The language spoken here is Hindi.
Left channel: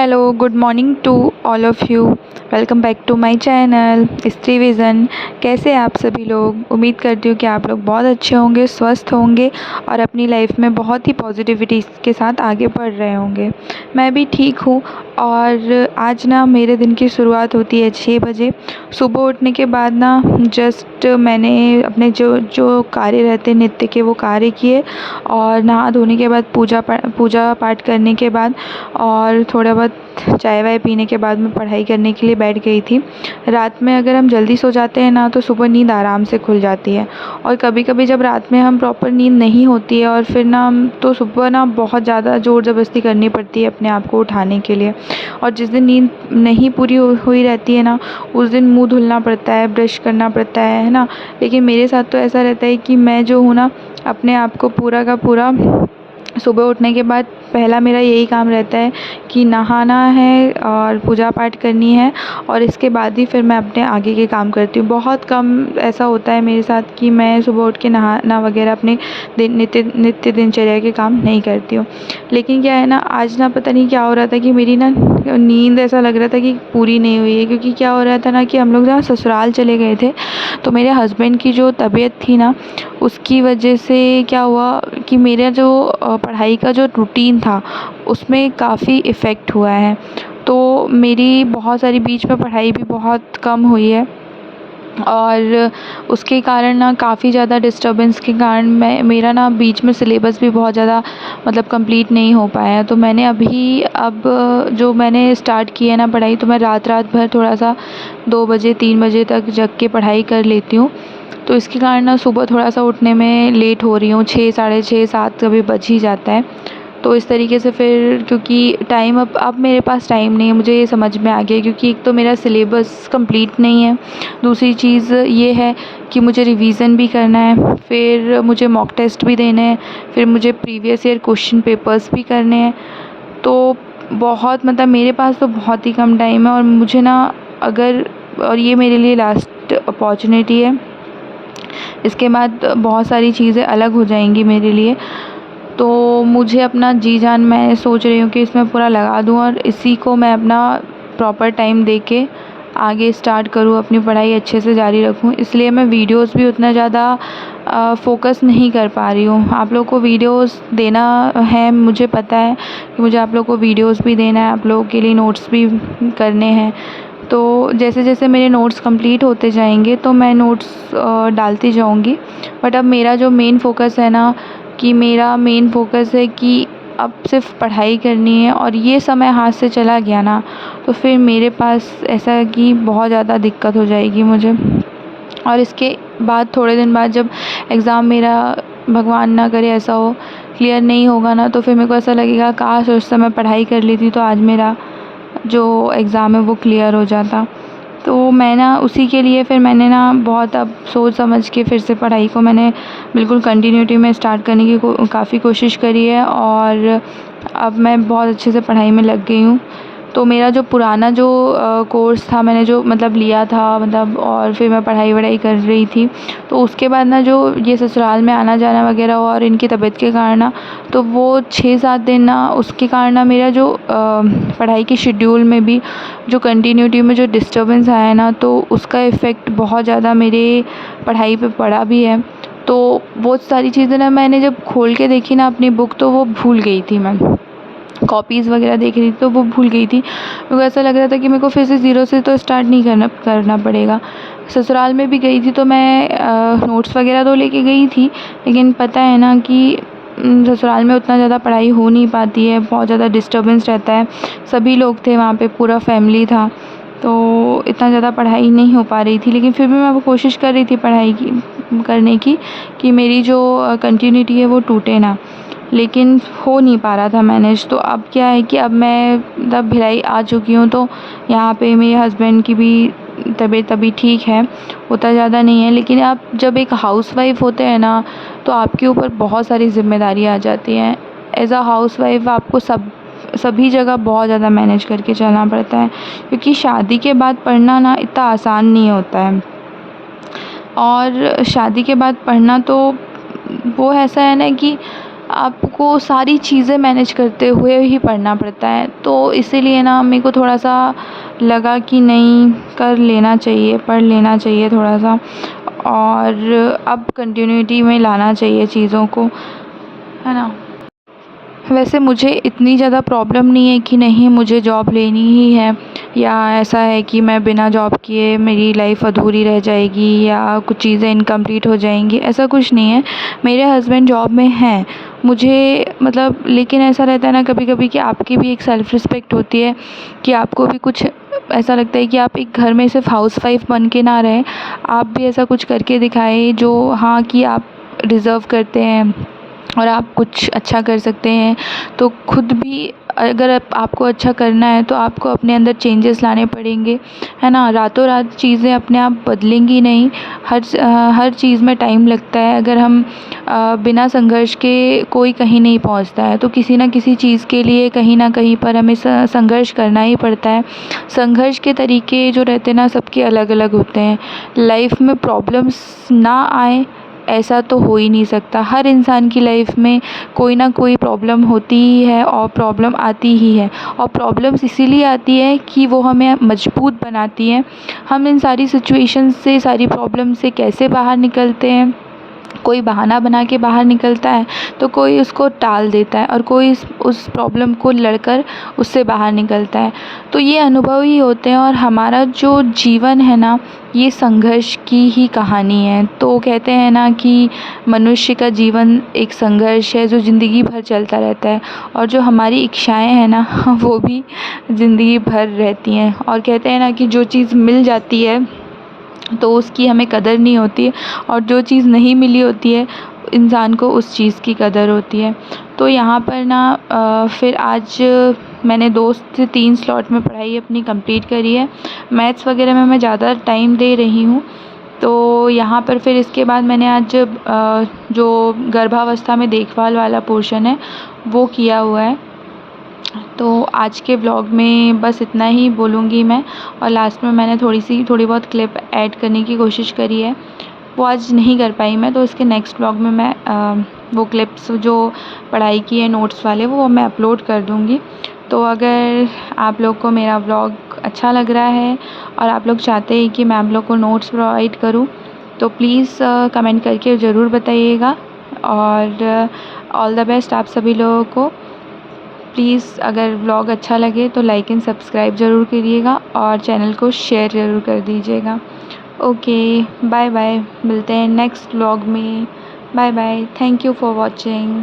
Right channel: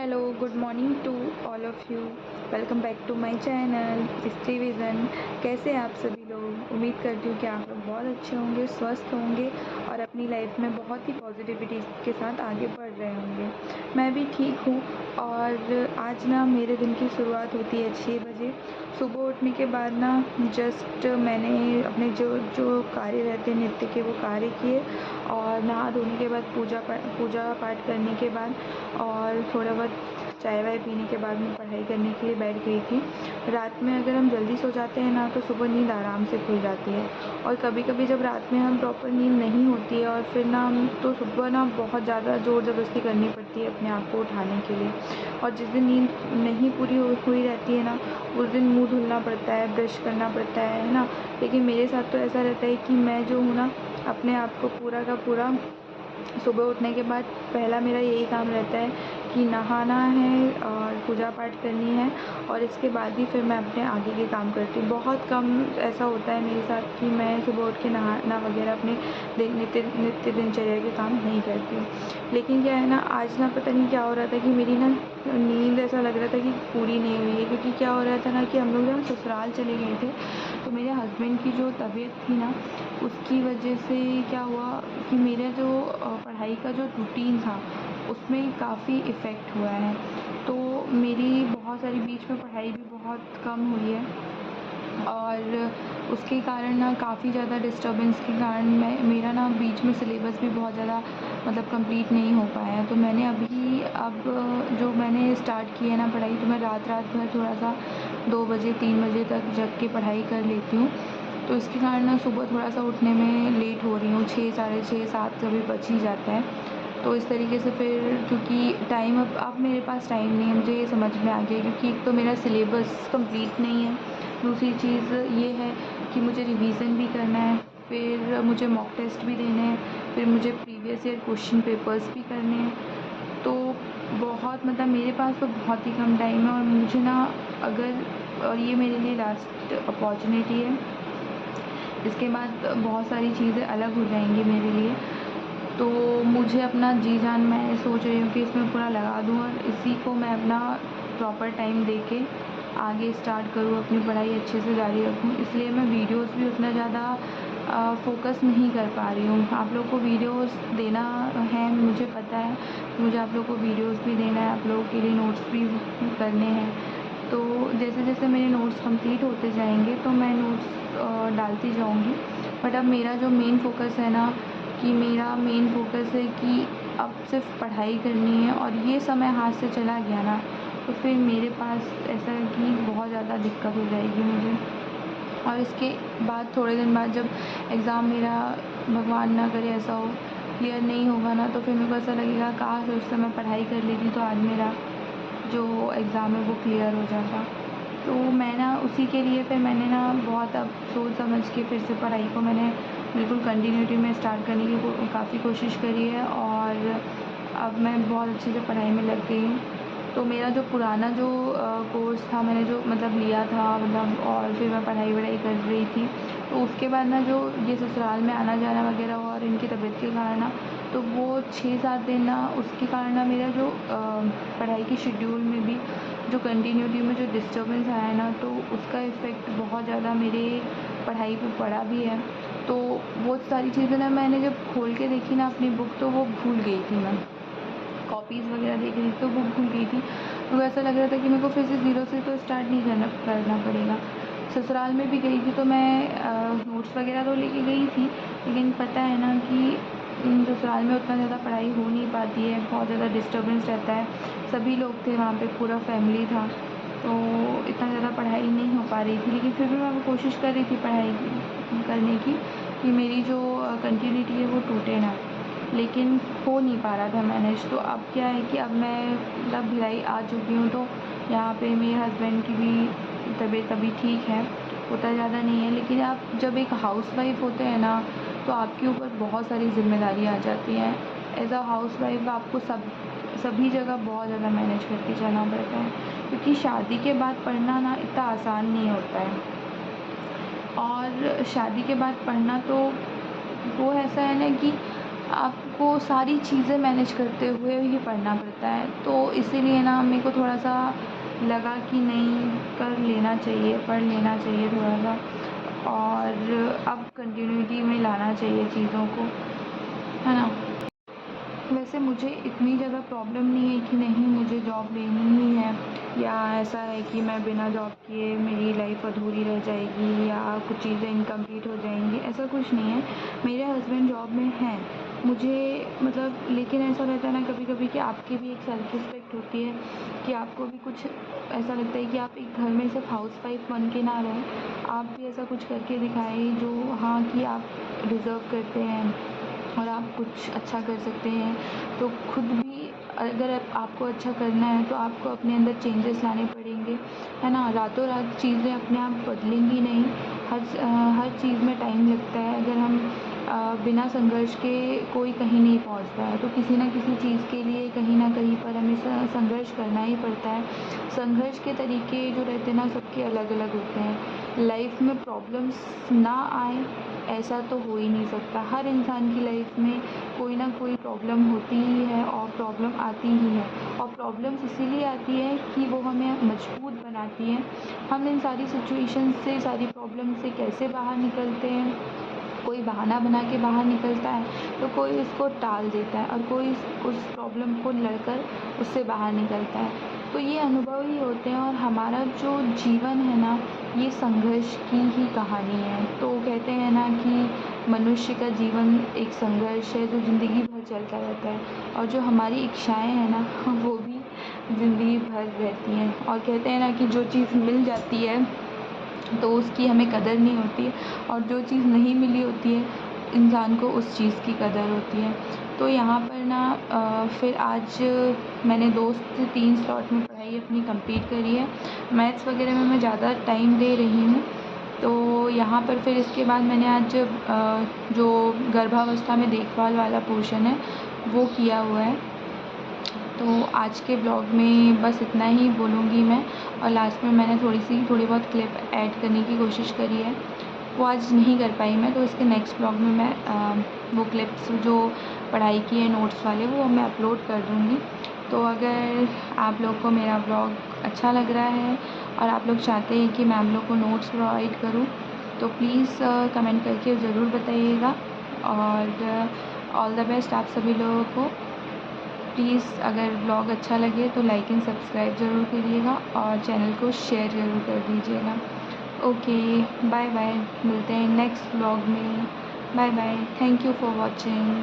Hello, good morning to all of you. Welcome back to my channel Stree vision. कैसे हैं आप सभी लोग? उम्मीद करती हूँ कि आप लोग बहुत अच्छे होंगे, स्वस्थ होंगे और अपनी लाइफ में बहुत ही पॉजिटिविटी के साथ आगे बढ़ रहे होंगे। मैं भी ठीक हूँ और आज ना मेरे दिन की शुरुआत होती है 6 बजे। सुबह उठने के बाद ना जस्ट मैंने अपने जो जो कार्य रहते हैं नित्य के, वो कार्य किए और नहा धोने के बाद पूजा पाठ करने के बाद और थोड़ा बहुत चाय वाय पीने के बाद मैं पढ़ाई करने के लिए बैठ गई थी। रात में अगर हम जल्दी सो जाते हैं ना तो सुबह नींद आराम से खुल जाती है, और कभी कभी जब रात में हम प्रॉपर नींद नहीं होती है और फिर ना तो सुबह ना बहुत ज़्यादा ज़ोर ज़बरदस्ती करनी पड़ती है अपने आप को उठाने के लिए। और जिस दिन नींद नहीं पूरी हुई रहती है ना, उस दिन मुँह धुलना पड़ता है, ब्रश करना पड़ता है ना। लेकिन मेरे साथ तो ऐसा रहता है कि मैं जो हूँ ना, अपने आप को पूरा का पूरा सुबह उठने के बाद पहला मेरा यही काम रहता है कि नहाना है और पूजा पाठ करनी है, और इसके बाद ही फिर मैं अपने आगे के काम करती हूँ। बहुत कम ऐसा होता है मेरे साथ कि मैं सुबह उठ के नहाना वगैरह अपने नित्य दिनचर्या के काम नहीं करती हूँ। लेकिन क्या है ना, आज ना पता नहीं क्या हो रहा था कि मेरी ना नींद ऐसा लग रहा था कि पूरी नहीं हुई है, क्योंकि क्या हो रहा था ना कि हम लोग ना ससुराल चले गए थे। तो मेरे हस्बैंड की जो तबीयत थी ना, उसकी वजह से क्या हुआ कि मेरा जो पढ़ाई का जो रूटीन था उसमें काफ़ी इफ़ेक्ट हुआ है। तो मेरी बहुत सारी बीच में पढ़ाई भी बहुत कम हुई है, और उसके कारण ना काफ़ी ज़्यादा डिस्टर्बेंस के कारण मेरा ना बीच में सिलेबस भी बहुत ज़्यादा मतलब कंप्लीट नहीं हो पाया है। तो मैंने अब जो मैंने स्टार्ट की है ना पढ़ाई, तो मैं रात रात भर थोड़ा सा 2 बजे 3 बजे तक जग के पढ़ाई कर लेती हूँ। तो इसके कारण ना सुबह थोड़ा सा उठने में लेट हो रही हूँ, 6 साढ़े 6 7 कभी बज ही जाता है। तो इस तरीके से फिर, क्योंकि टाइम अब मेरे पास टाइम नहीं है, मुझे ये समझ में आ गया, क्योंकि एक तो मेरा सिलेबस कंप्लीट नहीं है, दूसरी चीज़ ये है कि मुझे रिवीज़न भी करना है, फिर मुझे मॉक टेस्ट भी देने हैं, फिर मुझे प्रीवियस ईयर क्वेश्चन पेपर्स भी करने हैं। तो बहुत मतलब मेरे पास तो बहुत ही कम टाइम है, और मुझे ना अगर और ये मेरे लिए लास्ट अपॉर्चुनिटी है, इसके बाद बहुत सारी चीज़ें अलग हो जाएंगी मेरे लिए। तो मुझे अपना जी जान मैं सोच रही हूँ कि इसमें पूरा लगा दूँ, और इसी को मैं अपना प्रॉपर टाइम दे के आगे स्टार्ट करूँ, अपनी पढ़ाई अच्छे से जारी रखूँ। इसलिए मैं वीडियोस भी उतना ज़्यादा फ़ोकस नहीं कर पा रही हूँ। आप लोगों को वीडियोस देना है, मुझे पता है कि मुझे आप लोगों को वीडियोस भी देना है, आप लोगों के लिए नोट्स भी करने हैं। तो जैसे जैसे मेरे नोट्स कंप्लीट होते जाएंगे तो मैं नोट्स डालती जाऊंगी। बट अब मेरा जो मेन फ़ोकस है ना, कि मेरा मेन फ़ोकस है कि अब सिर्फ पढ़ाई करनी है, और ये समय हाथ से चला गया ना तो फिर मेरे पास ऐसा है कि बहुत ज़्यादा दिक्कत हो जाएगी मुझे। और इसके बाद थोड़े दिन बाद जब एग्ज़ाम मेरा, भगवान ना करे ऐसा हो, क्लियर नहीं होगा ना, तो फिर मेरे को ऐसा लगेगा काश उस समय पढ़ाई कर ली थी तो आज मेरा जो एग्ज़ाम है वो क्लियर हो जाता। तो मैं ना उसी के लिए फिर मैंने ना बहुत अब सोच समझ के फिर से पढ़ाई को मैंने बिल्कुल कंटिन्यूटी में स्टार्ट करने की काफ़ी कोशिश करी है, और अब मैं बहुत अच्छे से पढ़ाई में लग गई हूँ। तो मेरा जो पुराना जो कोर्स था, मैंने जो मतलब लिया था मतलब, और फिर मैं पढ़ाई वढ़ाई कर रही थी, तो उसके बाद ना जो ये ससुराल में आना जाना वगैरह हुआ और इनकी तबीयत के कारण ना, तो वो 6-7 दिन ना उसके कारण ना मेरा जो पढ़ाई की शेड्यूल में भी जो कंटिन्यूटी में जो डिस्टर्बेंस आया है ना, तो उसका इफ़ेक्ट बहुत ज़्यादा मेरे पढ़ाई पे पड़ा भी है। तो वो सारी चीज़ें ना मैंने जब खोल के देखी ना अपनी बुक, तो वो भूल गई थी। मैं कॉपीज़ वगैरह देख रही थी तो वो भूल गई थी। मेरे को ऐसा लग रहा था कि मेरे को फिर से ज़ीरो से तो स्टार्ट नहीं करना पड़ेगा। ससुराल में भी गई थी तो मैं नोट्स वगैरह तो लेके गई थी, लेकिन पता है ना कि ससुराल में उतना ज़्यादा पढ़ाई हो नहीं पाती है, बहुत ज़्यादा डिस्टर्बेंस रहता है। सभी लोग थे वहाँ पे, पूरा फैमिली था, तो इतना ज़्यादा पढ़ाई नहीं हो पा रही थी। लेकिन फिर भी मैं वो कोशिश कर रही थी पढ़ाई की करने की, कि मेरी जो कंटिन्यूटी है वो टूटे ना, लेकिन हो नहीं पा रहा था मैनेज। तो अब क्या है कि अब मैं मतलब भिलाई आ चुकी हूँ, तो यहाँ पे मेरे हस्बैंड की भी तबीयत अभी ठीक है, उतना ज़्यादा नहीं है। लेकिन आप जब एक हाउसवाइफ़ होते हैं ना, तो आपके ऊपर बहुत सारी ज़िम्मेदारी आ जाती हैं। एज़ अ हाउसवाइफ़ आपको सभी जगह बहुत ज़्यादा मैनेज करके चलना पड़ता है, क्योंकि शादी के बाद पढ़ना ना इतना आसान नहीं होता है। और शादी के बाद पढ़ना तो वो ऐसा है ना कि आपको सारी चीज़ें मैनेज करते हुए ही पढ़ना पड़ता है। तो इसीलिए ना मेरे को थोड़ा सा लगा कि नहीं, कर लेना चाहिए, पढ़ लेना चाहिए थोड़ा सा, और अब कंटिन्यूटी में लाना चाहिए चीज़ों को, है ना। वैसे मुझे इतनी ज़्यादा प्रॉब्लम नहीं है कि नहीं मुझे जॉब लेनी ही है, या ऐसा है कि मैं बिना जॉब किए मेरी लाइफ़ अधूरी रह जाएगी या कुछ चीज़ें इनकम्प्लीट हो जाएंगी, ऐसा कुछ नहीं है। मेरे हस्बैंड जॉब में हैं, मुझे मतलब, लेकिन ऐसा रहता है ना कभी कभी कि आपकी भी एक सेल्फ़ रिस्पेक्ट होती है, कि आपको भी कुछ ऐसा लगता है कि आप एक घर में सिर्फ हाउस वाइफ बन के ना रहें, आप भी ऐसा कुछ करके दिखाएं जो, हाँ, कि आप डिज़र्व करते हैं और आप कुछ अच्छा कर सकते हैं। तो खुद भी अगर आपको अच्छा करना है तो आपको अपने अंदर चेंजेस लाने पड़ेंगे, है ना। रातों रात चीज़ें अपने आप बदलेंगी नहीं, हर चीज़ में टाइम लगता है। अगर हम बिना संघर्ष के कोई कहीं नहीं पहुंचता है, तो किसी ना किसी चीज़ के लिए कहीं ना कहीं पर हमें संघर्ष करना ही पड़ता है। संघर्ष के तरीके जो रहते हैं ना, सबके अलग अलग होते हैं। लाइफ में प्रॉब्लम्स ना आए ऐसा तो हो ही नहीं सकता। हर इंसान की लाइफ में कोई ना कोई प्रॉब्लम होती ही है और प्रॉब्लम आती ही है, और प्रॉब्लम्स इसीलिए आती है कि वो हमें मजबूत बनाती हैं। हम इन सारी सिचुएशन से, सारी प्रॉब्लम से कैसे बाहर निकलते हैं, कोई बहाना बना के बाहर निकलता है, तो कोई उसको टाल देता है, और कोई उस प्रॉब्लम को लड़कर उससे बाहर निकलता है। तो ये अनुभव ही होते हैं, और हमारा जो जीवन है ना, ये संघर्ष की ही कहानी है। तो कहते हैं ना कि मनुष्य का जीवन एक संघर्ष है जो ज़िंदगी भर चलता रहता है, और जो हमारी इच्छाएं हैं ना वो भी ज़िंदगी भर रहती हैं। और कहते हैं ना कि जो चीज़ मिल जाती है तो उसकी हमें कदर नहीं होती है, और जो चीज़ नहीं मिली होती है इंसान को उस चीज़ की कदर होती है। तो यहाँ पर ना फिर आज मैंने 2 से 3 स्लॉट में पढ़ाई अपनी कंप्लीट करी है। मैथ्स वगैरह में मैं ज़्यादा टाइम दे रही हूँ। तो यहाँ पर फिर इसके बाद मैंने आज जो गर्भावस्था में देखभाल वाला पोर्शन है वो किया हुआ है। तो आज के ब्लॉग में बस इतना ही बोलूँगी मैं, और लास्ट में मैंने थोड़ी बहुत क्लिप ऐड करने की कोशिश करी है, वो आज नहीं कर पाई मैं। तो इसके नेक्स्ट ब्लॉग में मैं वो क्लिप्स जो पढ़ाई की है नोट्स वाले, वो मैं अपलोड कर दूँगी। तो अगर आप लोग को मेरा ब्लॉग अच्छा लग रहा है और आप लोग चाहते हैं कि मैं आप लोग को नोट्स प्रोवाइड करूँ, तो प्लीज़ कमेंट करके ज़रूर बताइएगा। और ऑल द बेस्ट आप सभी लोगों को। प्लीज़ अगर ब्लॉग अच्छा लगे तो लाइक एंड सब्सक्राइब ज़रूर करिएगा, और चैनल को शेयर ज़रूर कर दीजिएगा। ओके, बाय बाय, मिलते हैं नेक्स्ट ब्लॉग में। Bye bye, thank you for watching.